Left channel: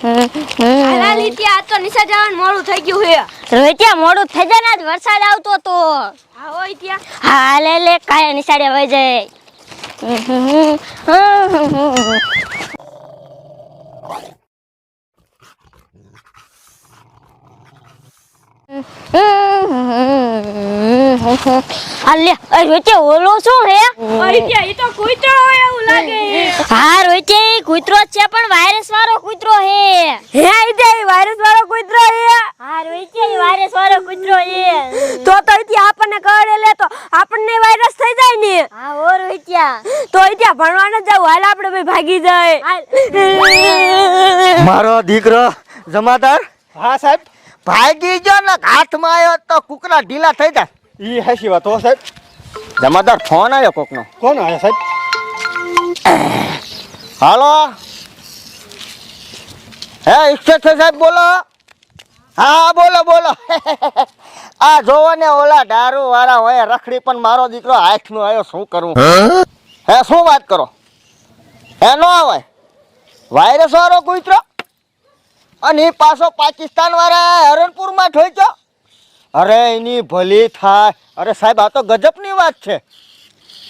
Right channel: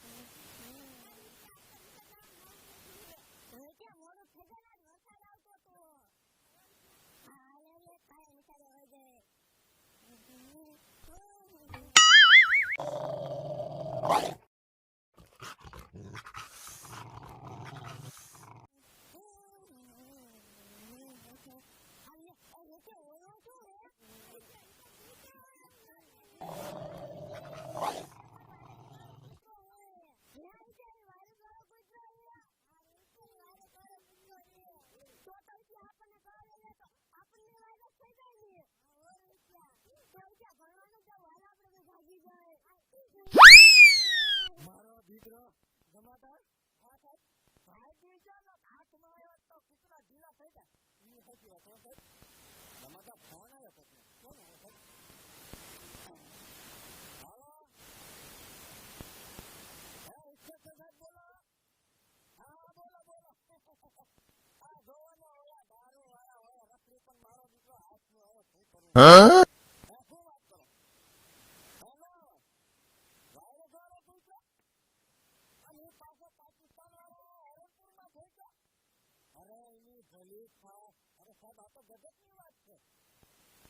આ તો નિશા જવાનું મોડું થઈ ગયું હે રોહિત્યા મોડું થઈ જાય આજ વરસાદ આવતો તો. હા હોય ત્યાં. હા લે લે કાય નિશાળે વહી જાય. અલે રોચે ઓલો શું હે? હોય એ તો કૂતરો હોય એવું લાગે. હા રોચે ઈ કૂતરો છે પણ વાયરસ વાળો કૂતરો હે. હે ઈતે વાયરસ વાળો કૂતરો હે? હા રોચે વાયરસ વાળો કૂતરો હે. તો તો ઈથી આપણને કરડે લે તો આપણને વાયરસ થઈ જાય ને? હા ઓ રોહિત્યા તો ઇતિ ભણવા ન જાવ હાલ આપણે ભાઈ ભાગી જાય. મારો દીકરો જમાદાર? હા સાહેબ. ભાગી ગયો ને હાથમાં આવ્યો તો કુકરા ઢીલા થઈ જાય. ઈ હેસી વાત હો સાહેબ. જમાદાર ફોન આવ્યો કોકનો? કોણ આવ્યો સાહેબ? હાલો? હે ઇન્સ્પેક્ટર સાહેબ બોલો. હા બોલો બોલો. આ જોવો ને ઓલા દારૂ વાળા હોય રખડી પણ મારો દીકરો હાથનો આવ્યો શું કરું? હે? શું વાત કરો? હે નો આવે વાયરસ વાળો કૂતરો? અને એ પાછો પાકિસ્તાન વાળા હરણપુરમાં ઠોક્યો? અરે એની ભલી થાય. અરે સાહેબ આ તો ગજબની વાત છે.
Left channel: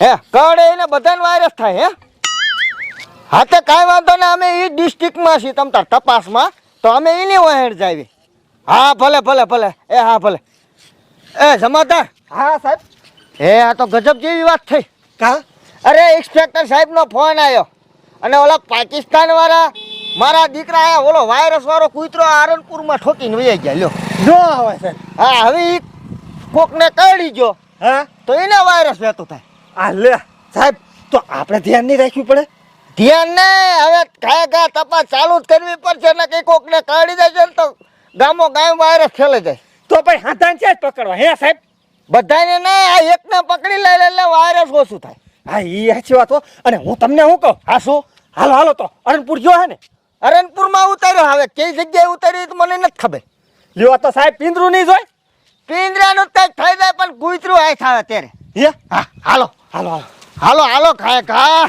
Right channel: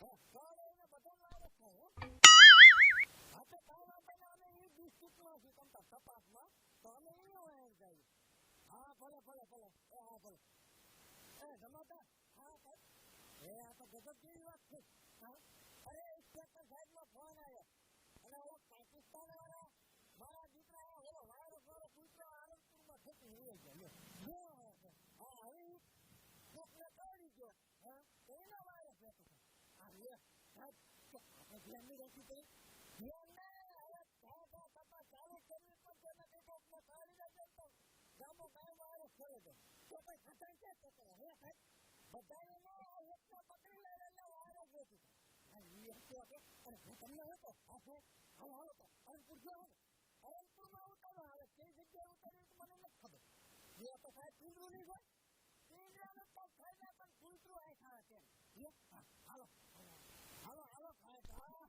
હે કડે એને બધાને વાયરસ થાય હે? હા તે કાંઈ વાંધો ને અમે એ ડિસ્ટ્રિક્ટમાં છીએ તમ તાર તપાસમાં. તો અમે એની વહેણ જાવી. હા ભલે ભલે ભલે. એ હા ભલે. એ જમાદાર. હા સાહેબ. હે આ તો ગજબ જેવી વાત થઈ. કા? અરે ઇન્સ્પેક્ટર સાહેબનો ફોન આવ્યો અને ઓલા પાકિસ્તાન વાળા મારા દીકરા આયા ઓલો વાયરસ વાળો કૂતરો આરણપુરમાં ઠોકીને વહી ગયા લ્યો. નો આવે સાહેબ હા હવે ઈ કોકને કરડી ગયો હા? તો એને વાયરસ લેતો થાય. આ લે. સાહેબ તો આપણે ધ્યાન નહીં રાખવું પડે? ધ્યાન ને હવે કાંઈ કાંઈ તપાસ ચાલુ જ કરવી પડશે ને કે કોકને કરડી જાય ને તો ગામો ગામ વાયરસ ફેલાઈ જાય. તો ભાઈ હાથાન છે જ પકડવા. હે સાહેબ? બધાને ને આ એકને પકડી લઈ એટલે વાયરસ ઓછું થાય. હા એ હાચી વાત હો. અને હું તમને શું કહું? હા શું? હાલો હાલો તો. અરણપુર જો હે ને? અરણપુરમાં ઉતાર્યો. હવે કઈ જગ્યાએ ઉતાર્યું તો મને નથી ખબર. લ્યો તો સાહેબ પિંદરું નહીં જોય. પિંજરાનું કંઈક થઈ જાય પણ કૂતરું આય થાય અત્યારે. હે? હા હાલો. હાલો હાલો. હાલો હાલો ખાય ખા.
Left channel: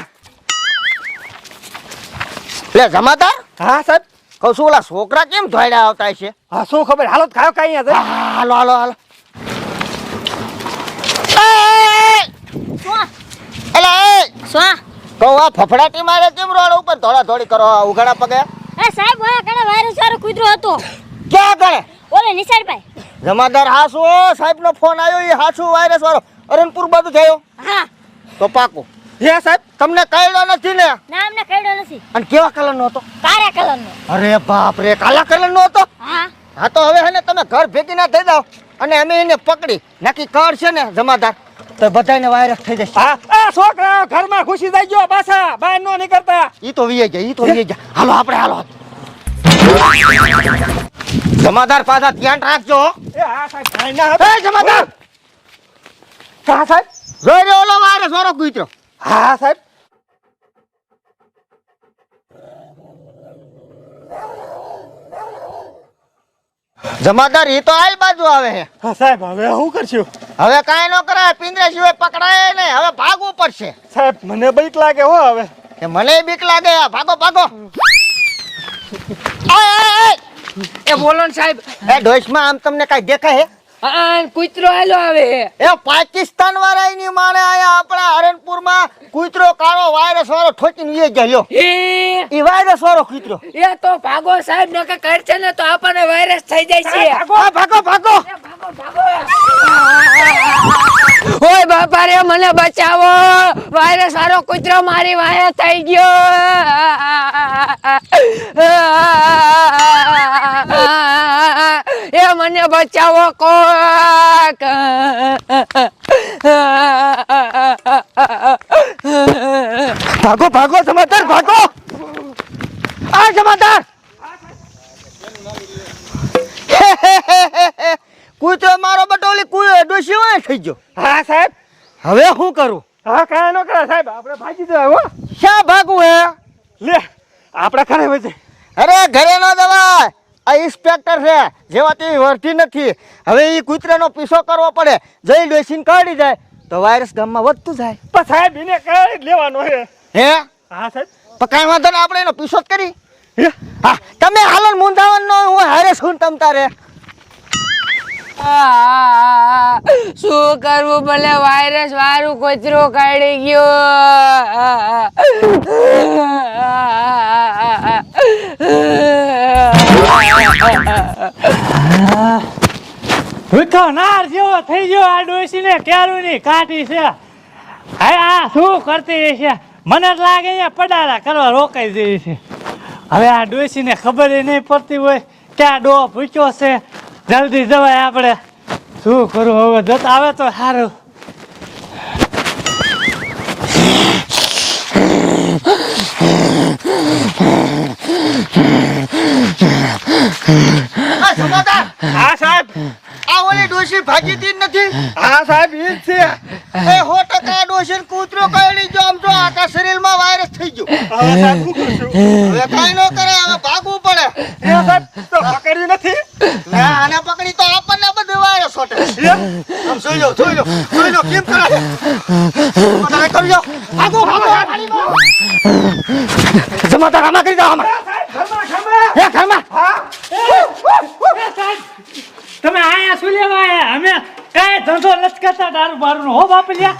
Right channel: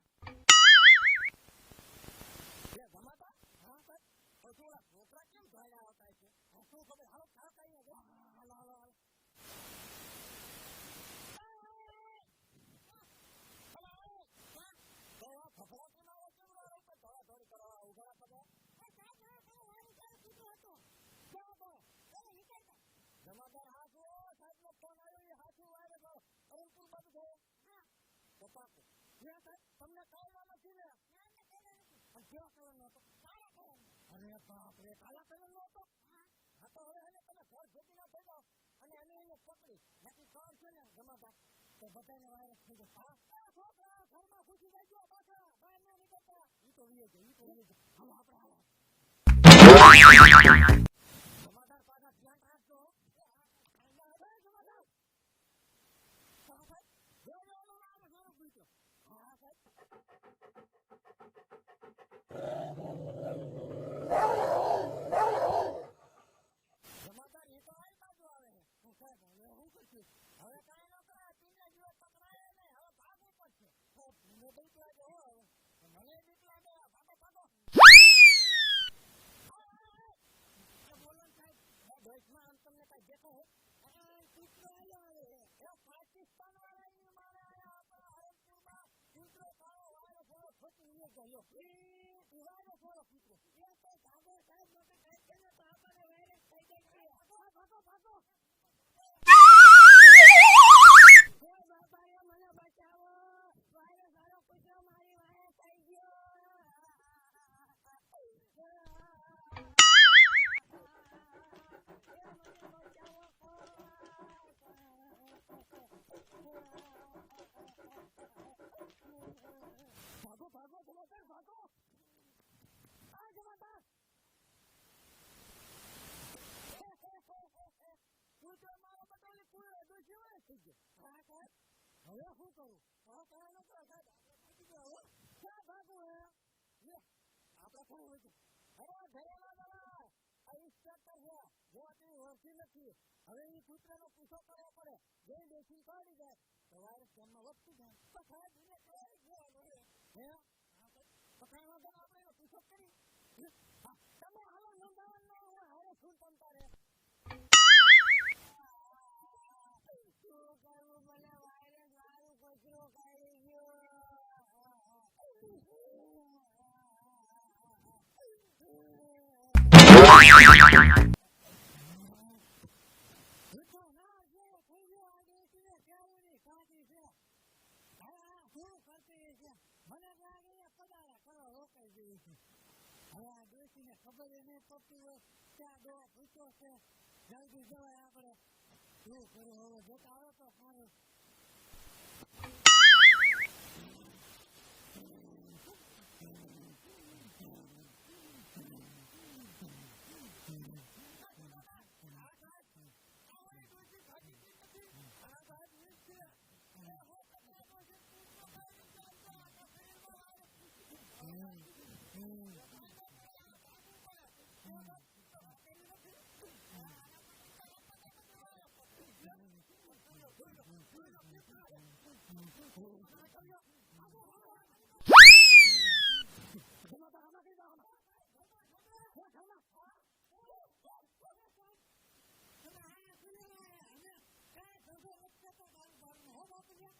લે જમાતા હા સાહેબ. કહું છું ઓલા છોકરા કેમ ધોઈડા આવતા છે? હા શું ખબર? હાલો ખાયો કાંઈ અહીંયા હાલો હાલો હાલો. એલા એ. શું? કહું આ ફફડાટી મારે કેમ રોડ ઉપર ધોળા ધોળી કરો ઉઘાડા પગે? એ સાહેબ ઓયા કને વાયરસ વાળો કૂતરો હતો. ક્યાં કરે ઓલે નિશાળ ભાઈ જમાદાર હાસુ સાહેબ નો ફોન આવ્યો એ હાસુ વાયરસ વાળો. અરણપુર બાજુ થયો હા. તો પાકો. હે સાહેબ તમને કઈડો નથી ને? ના અમને કઈડો નથી. અને કેવા કલર નો હતો? કાળા કલરનો અરે બાપ રે કાળા કલર નો હતો? હા. હા તો હવે હે તમે ઘર ભેગી ના થઈ જાઓ. અને અમે એને પકડી. નાખી કાળ છે ને જમાદાર. તો બધાને વાયરસ થઈ જશે. હા. આ છોકરા ઘરમાં ઘૂસી જાય ગયો પાછા બહાર નો નીકળતા. ઈ તો વીએ ગયા ઈ તો વીએ ગયા. હાલો આપણે હાલો. જમાદાર પાછા ધ્યાન રાખજો. એ હા સાહેબ કાંઈ ના એ જમાદાર! હા સાહેબ? જોઈ રહ્યો ઓલો વાયરસ વાળો કૂતરો. હા સાહેબ. જમાદાર ઈ તો આલ બાજુ આવે છે હા સાહેબ હવે શું કરશું? હવે કાંઈ ન કરાય પિંજરા સિવાય પકડાય નહીં. હવે ભાગવું પડશે. સાહેબ મને બીક લાગે હો હવે. એ મને બીક લાગે? ભાગો ભાગો. એ બોલો ને સાહેબ. એ ડોશમાં આમ તમને કઈ દેખાય હે? હા કૂતરો આલો આવે એ પાકિસ્તાન વાળા એની માણે આયા આપણા હરણપુરમાં કૂતરો કાળો વાયરસ વાળો ઠોકીને વીએ ગયો એ ઈ વાયરસ વાળો કૂતરો. એ તો ભાગો સાહેબ ને નકે કરશે ને તો આપણને વાયરસ થઈ જાય છે. ભાગો ભાગો ભાગો. ઓય બાપા રે મને બચાવો. વાયરસ વાળો કૂતરો મારી વાયા થઈ ગયો. મને બચાવો કોક. ભાગો ભાગો સમાચાર ભાગો. આ સમાચાર. કૂતરો મારો બટોલી કુયો ડોસી હોય થઈ ગયો. હા સાહેબ. હવે શું કરું? હા કાંઈ ન કરે સાહેબ. આપણે ભાગી જવા હો. શા ભાગવું હે? લે આપણા ઘરે વચ્ચે અરે ઘરે ન જવાય. આ ઇન્સ્પેક્ટર છે જેવા તેવી વર્તી નથી. હવે એ કૂતરાનો પીછો કરવો પડે. જઈ ડોસીને કાઢી જાય તો વાયરસ ગામમાં વધતું જાય. પણ સાહેબ એને કઈ લેવાનો હે હે? હા સાહેબ. પણ કાંઈ વાંધો ને આપણે એનો પીછો જ કરી. હા? તમે હાલો શું તમ તારે. આ, શું કરવું ભલે વાયરસ વાળું કોચરો કાઢી ગયો. ભૂખો નાર જેવો થઈ ગયો આ ડોશીને ક્યારું ની કાઢી છે. હા, આ શું કરતી છે? મને લાગે અહીંયા પડારા કરવા રોકાઈ જઈ છે. હવે આ ડોશીને ખબર ય નહીં પડતી હોય ક્યાં ડો ભૂચ્યો છે. જલ્દી જવાય આપણે. શું કરું હવે? જતા આવે તો સારું. આ સમાધાન! હા સાહેબ. આ ઓલી ડોશી ભાગી નથી. હા સાહેબ ઈ જ છે. એ હો ટકા ડોશી કૂતરો કરડી જો આમ જો આખા શરીરમાં વાયરસ થઈ ગયો. હવે સાહેબ શું કરશું? હવે કાઈ ન કરે હવે ભાગવું પડે. એ સાહેબ તો પકડ્યું નથી. ના આને પકડી તો આપણને બધું વાયરસ હોટે આમ જોઈ લો જોઈ લો જોઈ લો કેમ કરે તમે કરજો ભાગો ભાગો જમાતા આમાં કરી દો આમાં હે ઘરમાં તમે આયા શું લેવા આયા અમે કઈ ધંધો નથી કરતા દારૂ બારૂ હો બાપલિયા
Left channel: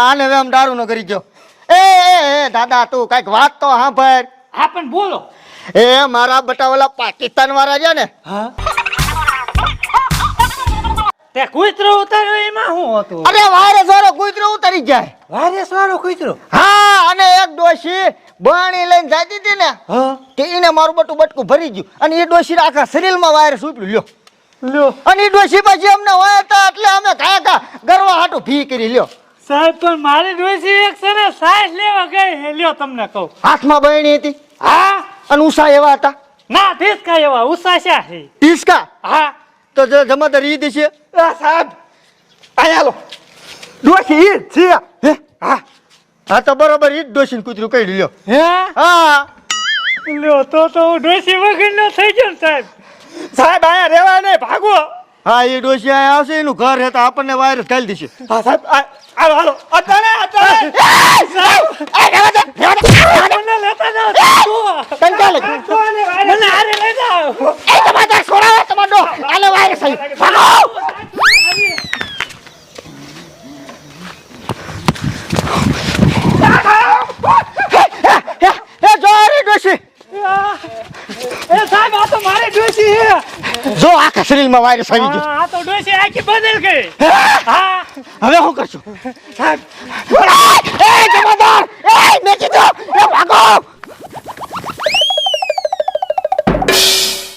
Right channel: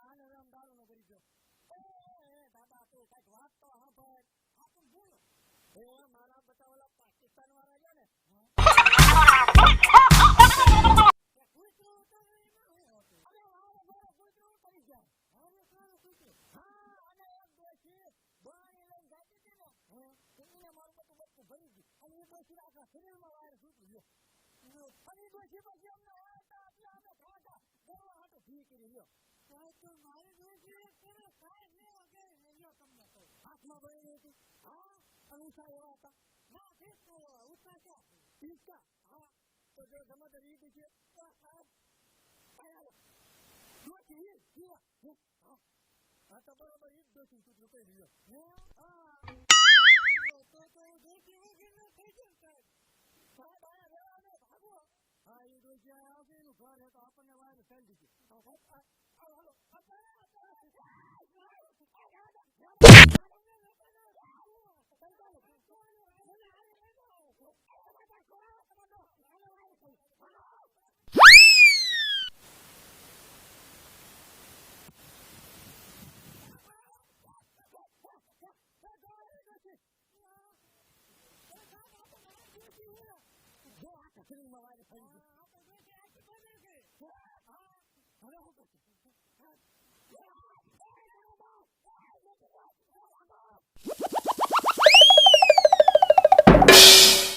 આને હવે આમ દારૂ નો કરી ગયો. એ એ, દાદા તું કંઈક વાત તો સાંભળ. હા પણ બોલો. એ મારા બટા ઓલા પાકિસ્તાન વાળા છે ને તે કુતરો ઉતાર્યો એમાં શું હતું? અરે વાયરસ વાળો કુતરો ઉતરી જાય. વાયરસ વાળો કુતરો? હા અને એક ડોશી બાણી લઈને જાતી હતી ને તે કે એને મારું બટું બટકું ભરી ગયું. અને એ ડોશી આખા શરીરમાં વાયરસ ઉપડ્યું. લ્યો. લ્યો. અને ડોશી પછી અમને હોય હતા એટલે અમે કાયા કા ગરવા હાટું ફી કરી લ્યો. સાહેબ પણ મારી ડોસી એક છે ને સાઈઝ લેવા ગઈ હે લ્યો તમને કહું. હાથમાં બહેણી હતી. હા? અને ઉષા એવા હતા. ના ઠીક એવા ઉષા છે. હે ટીસકા હા. તો જો જમાદાર ઈ દેશે આ સાહેબ અહીંયા લો ડોસી ઈ જ છે. હે? હા. હા તો બરોબર ઈ જ ડોશીને કૂતરું કરી લ્યો. હે? હા. લ્યો તો તો ડોશી ડોસી વગર નો થઈ ગયો ને સાહેબ. સાહેબ આયા રહેવા નહીં ભાગો. હા એ ડોશી આયા આવશે એનું ઘર હે તો આપણને વાયરસ ખાલી દેશે. હા સાહેબ આ- હાલો હાલો. અટાણે અટાણે. મને લેતા જાઓ ક્યાં મને આરે લઈ જાઓ. એ તમારા છોરા તમારો આલે વાયરસ ભાગો હે, હે, જો આ રહી ડોશી એ સાહેબ આ તો મારી ડોસી છે જો આખા શરીરમાં વાયરસ આવી ગયો. આ તો ડોસી આખી બદલ ગઈ. હા? હવે શું કરશું? એ જમાદાર! એ મેં કીધું એ ભાગો!